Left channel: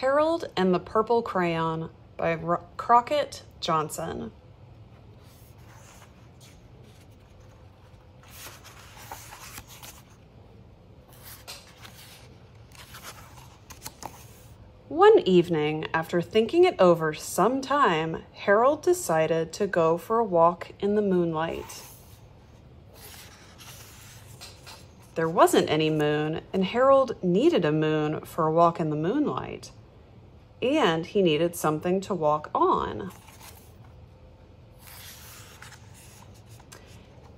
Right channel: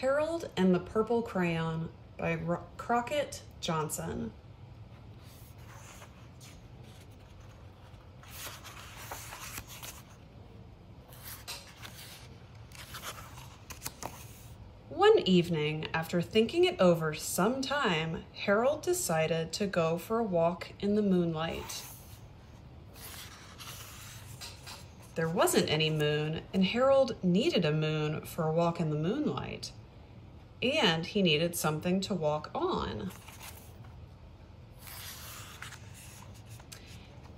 Harold and the Purple Crayon by Crockett Johnson. One evening, after thinking it over some time, Harold decided to go for a walk in the moonlight. There wasn't any moon, and Harold needed a moon for a walk in the moonlight. And he needed something to walk on.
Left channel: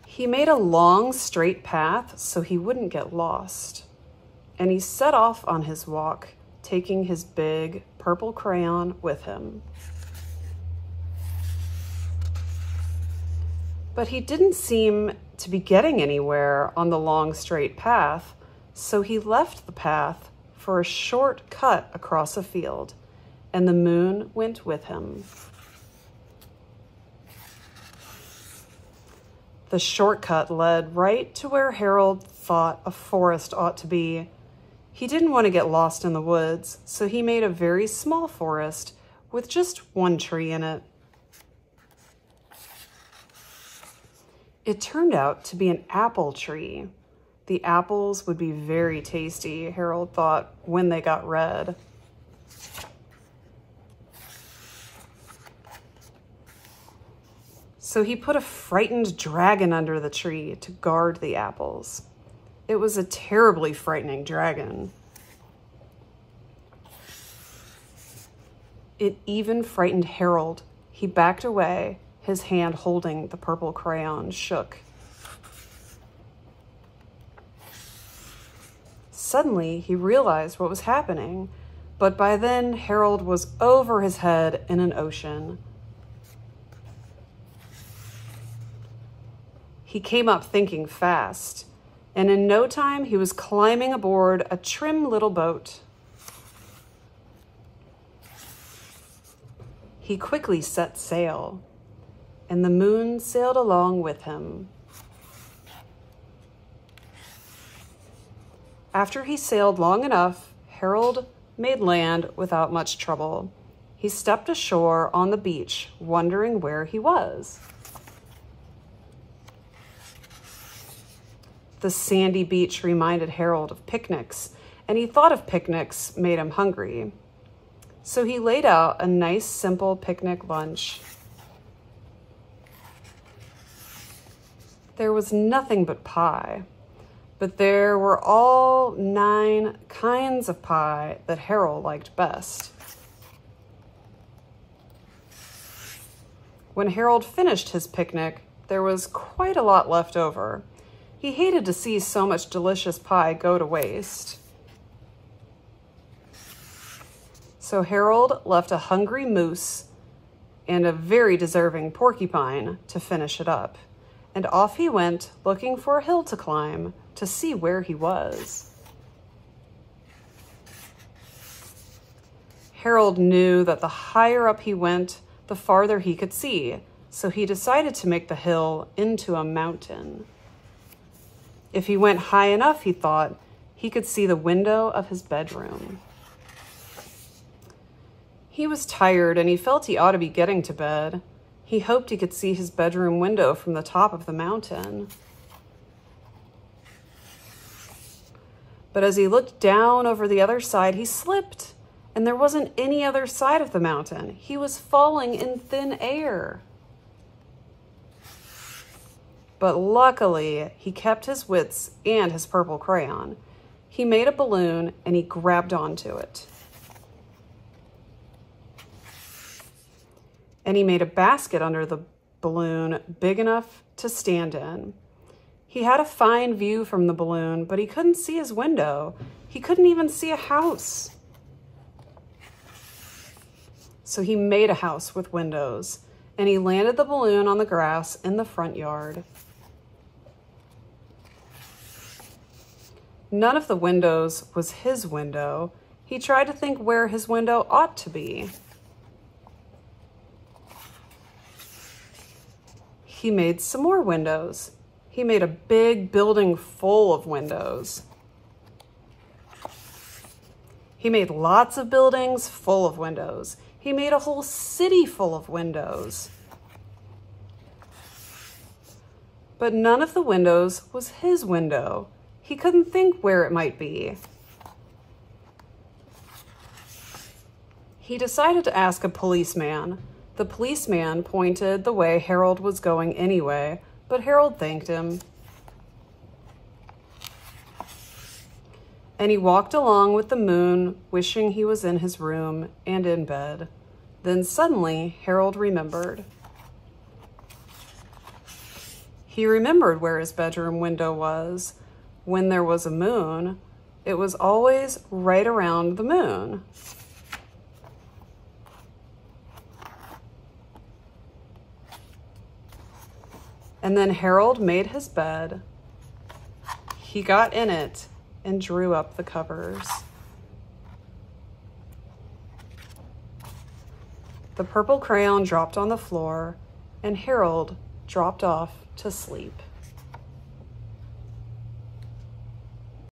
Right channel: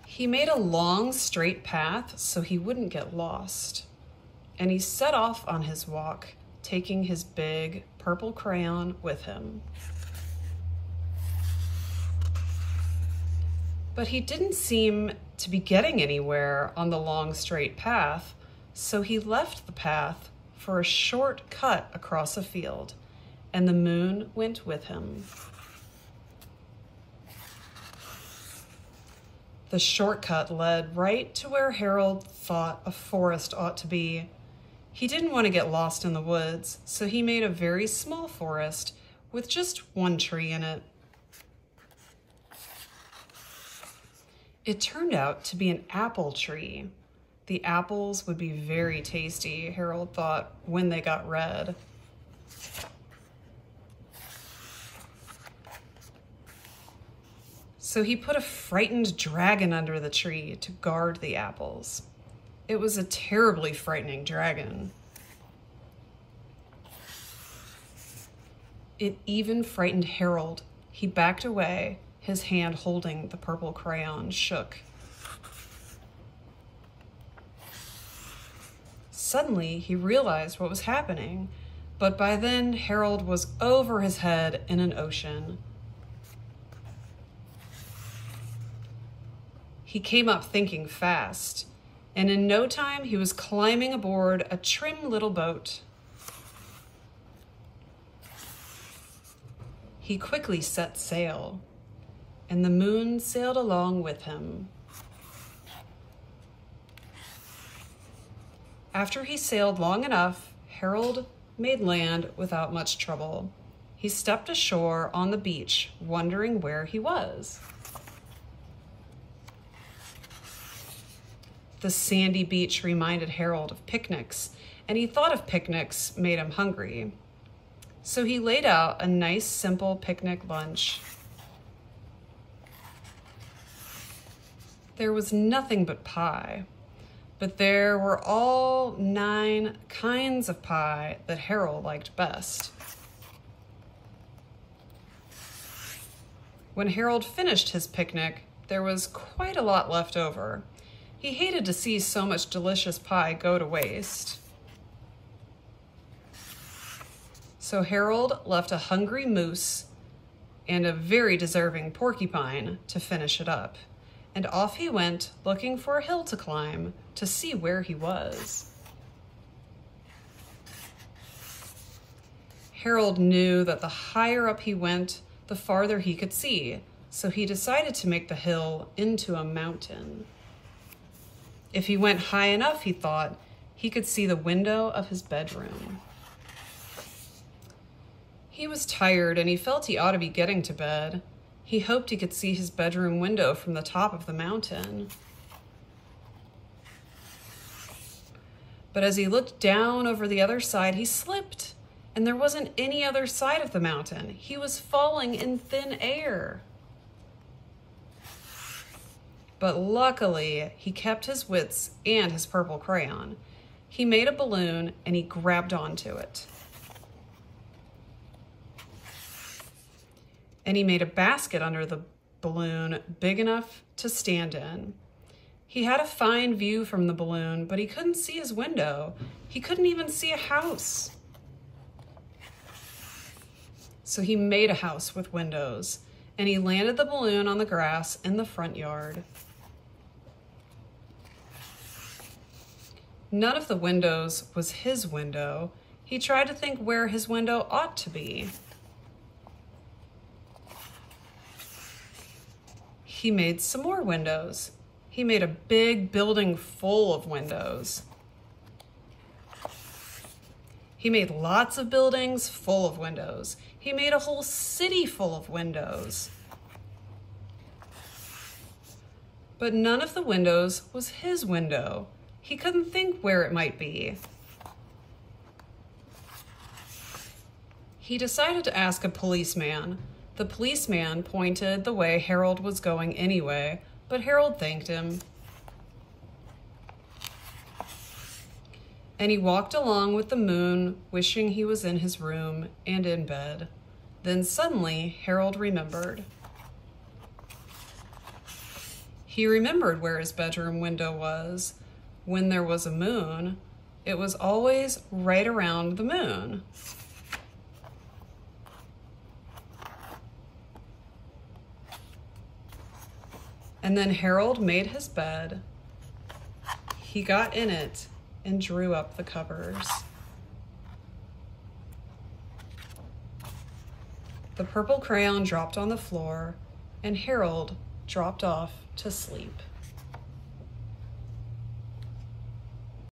He made a long, straight path so he wouldn't get lost. And he set off on his walk, taking his big purple crayon with him. But he didn't seem to be getting anywhere on the long, straight path, so he left the path for a short cut across a field, and the moon went with him. The shortcut led right to where Harold thought a forest ought to be. He didn't want to get lost in the woods, so he made a very small forest with just one tree in it. It turned out to be an apple tree. The apples would be very tasty, Harold thought, when they got red. So he put a frightened dragon under the tree to guard the apples. It was a terribly frightening dragon. It even frightened Harold. He backed away, his hand holding the purple crayon shook. Suddenly, he realized what was happening, but by then Harold was over his head in an ocean. He came up thinking fast, and in no time he was climbing aboard a trim little boat. He quickly set sail, and the moon sailed along with him. After he sailed long enough, Harold made land without much trouble. He stepped ashore on the beach, wondering where he was. The sandy beach reminded Harold of picnics, and he thought of picnics made him hungry. So he laid out a nice, simple picnic lunch. There was nothing but pie, but there were all 9 kinds of pie that Harold liked best. When Harold finished his picnic, there was quite a lot left over. He hated to see so much delicious pie go to waste. So Harold left a hungry moose and a very deserving porcupine to finish it up. And off he went, looking for a hill to climb to see where he was. Harold knew that the higher up he went, the farther he could see, so he decided to make the hill into a mountain. If he went high enough, he thought, he could see the window of his bedroom. He was tired and he felt he ought to be getting to bed. He hoped he could see his bedroom window from the top of the mountain. But as he looked down over the other side, he slipped, and there wasn't any other side of the mountain. He was falling in thin air. But luckily, he kept his wits and his purple crayon. He made a balloon and he grabbed onto it. And he made a basket under the balloon big enough to stand in. He had a fine view from the balloon, but he couldn't see his window. He couldn't even see a house. So he made a house with windows, and he landed the balloon on the grass in the front yard. None of the windows was his window. He tried to think where his window ought to be. He made some more windows. He made a big building full of windows. He made lots of buildings full of windows. He made a whole city full of windows. But none of the windows was his window. He couldn't think where it might be. He decided to ask a policeman. The policeman pointed the way Harold was going anyway, but Harold thanked him. And he walked along with the moon, wishing he was in his room and in bed. Then suddenly, Harold remembered. He remembered where his bedroom window was. When there was a moon, it was always right around the moon. And then Harold made his bed. He got in it and drew up the covers. The purple crayon dropped on the floor, and Harold dropped off to sleep.